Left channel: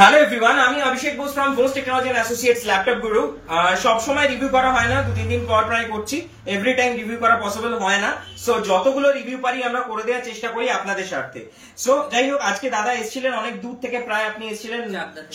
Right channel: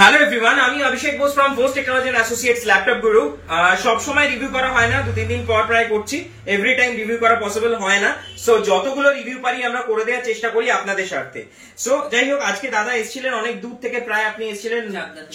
Hello everyone, আমি Abhishek Bose from Bose technology and associates laptop Guru. সব সময় রিভিউ করা হয় না, 2-3 দিন পর প্রায় করছি। এভরি টাইম রিভিউ করা পসিবল হয় না, সো যতগুলো রিভিউ পারি আমরা করে দেওয়ার চেষ্টা করি আপনাদের স্বার্থে। সো যাই হোক, আজকে দাদা এসেছিলেন অনেক দূর থেকে, প্রায় আপনি এসেছিলেন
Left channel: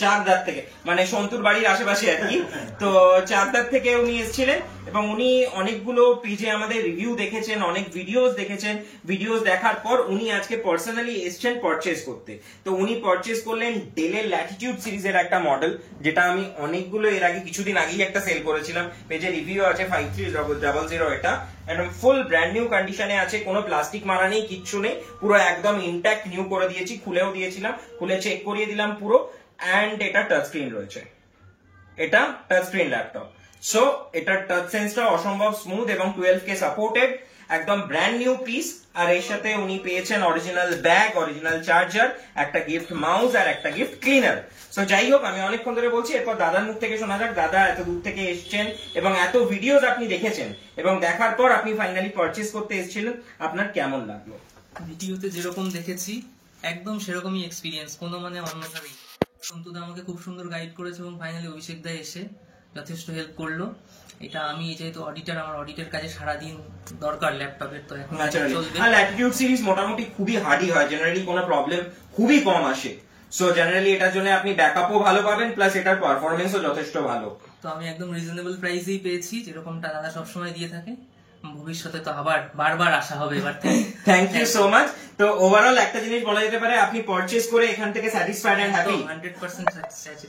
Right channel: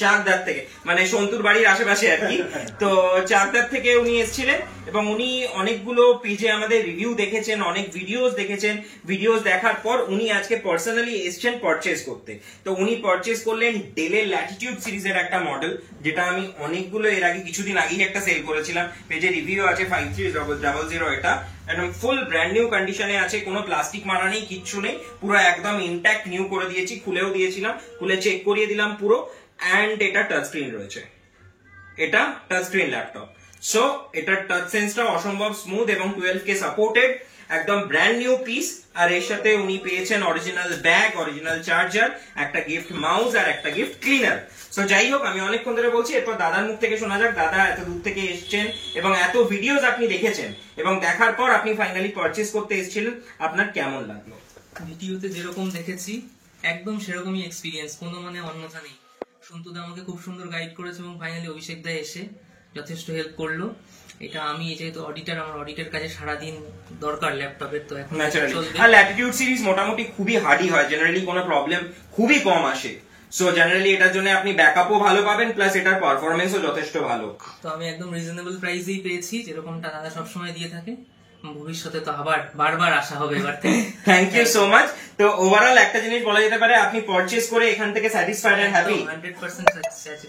চাকদার থেকে, মানে সন্তুর বাড়ির আশেপাশে আর কি। তো চাকদার থেকে উনি এসেছিলেন এবং উনি অনেকগুলো পেজে আমাদের রিভিউ দেখেছেন, অনেক ভিডিওস দেখেছেন। ভিডিওস দেখার পর উনি আজকে পার্সোনালি এসেছেন পারচেজ করতে। তো উনি পারচেজ করলেন ডেলের ল্যাটিটিউড সিরিজের একটা মডেল, যেটা আমি অনেকগুলো এর আগে কিছুদিন আগেই একটা সেল করেছিলাম। পেজে রিভিউ আছে 5300, এটা একদম ফুল ব্র্যান্ড নিউ কন্ডিশনে আছে, কোনো প্লাস্টিক মারা নেই, কিচ্ছু নেই, পুরো একদম ইনট্যাক্ট নিউ করে দিয়েছি। খুলেও দিয়েছিলাম, খুলে চেক করিয়ে দিলাম পুরো। অ্যান্ড এটা টাচ স্ক্রিন রয়েছে, এটা টাচ স্ক্রিন ল্যাপটপ। সো এটার টাচ সেন্সটা অসম্ভব স্মুথ এবং 12K সাপোর্টেড, একদম ব্র্যান্ড নিউ পিস। আর এর সাথে উনি পেয়েছেন অরিজিনাল ব্যাগ, অরিজিনাল চার্জার, একটা গিফট মাউস আর একটা গিফট ক্লিনার। সো যাই হোক, আমি অনেকক্ষণ ধরে বলছি, এরপর দাদার মুখ থেকে শোনা যাক। দাদা এত দূর থেকে এসেছেন এবং এত ভিডিওস আপনি দেখেছেন এবং দেখার পর আপনি ফাইনালি পারচেজ করতে এসেছিলেন, আপনার কেমন লাগলো? ভিডিওতে যেরকম দেখেছি একদম সেরকমই এক্সপিরিয়েন্স, কোনো মানে অন্যথা নেই। সন্তুদা আমাকে খুব সুন্দর গাইড করেছে এবং ফাইনালি অভিষেক দা এসে যথেষ্ট হেল্প করলো। এটা আমি যেহেতু অডিটর, আমার অডিটের কাজে সারাদিন দরকার ল্যাপটপের, তো এখন আর ল্যাটিটিউড সিরিজ মোটামুটি খুবই হার্ডি হয়, জেনারেলি কোনো প্রবলেম খুবই কম আসে। সো জেনারেলি এটার জন্য আপনি ব্যাকআপও ভালো পাবেন, প্লাস এটার পারফরমেন্সও যথেষ্ট ভালো। তো আমি একদম রিজনেবল প্রাইসেই পেয়েছি, যেরকমটা দাদা সবসময় দিয়ে থাকে। ভবিষ্যতে তো আবার বারবার আসা হবে এবার থেকে। Thank you so much. তো ওভারঅল একটা জিনিস বলা যেতে পারে, আপনি পারচেজ করে এখান থেকে স্যাটিসফাইড এন্ড হ্যাপি? 100%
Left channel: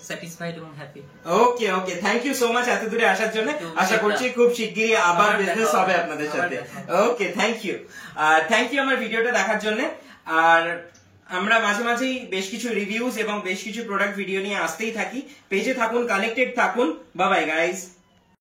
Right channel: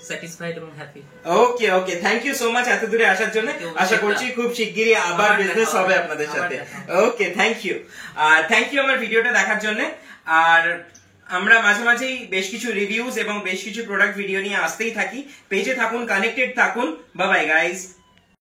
স্যাটিসফাইড এবং happy. Okay okay, thank you so much এত দূরে আসার জন্য। আশা করছি খুব শিগগিরই আবার বিজনেস হবে আপনাদের সাথে। Okay, thank you. আর থ্যাংক ইউ আমার ভিডিওটা দেখার জন্য। আর আমরা মাঝে মাঝেই বেশ কিছু রিভিউজ এবং বেশ কিছু প্রোডাক্ট ভিডিও নিয়ে আসতেই থাকি। পেজে থাকুন, কানেক্টেড থাকুন। Bye bye guys.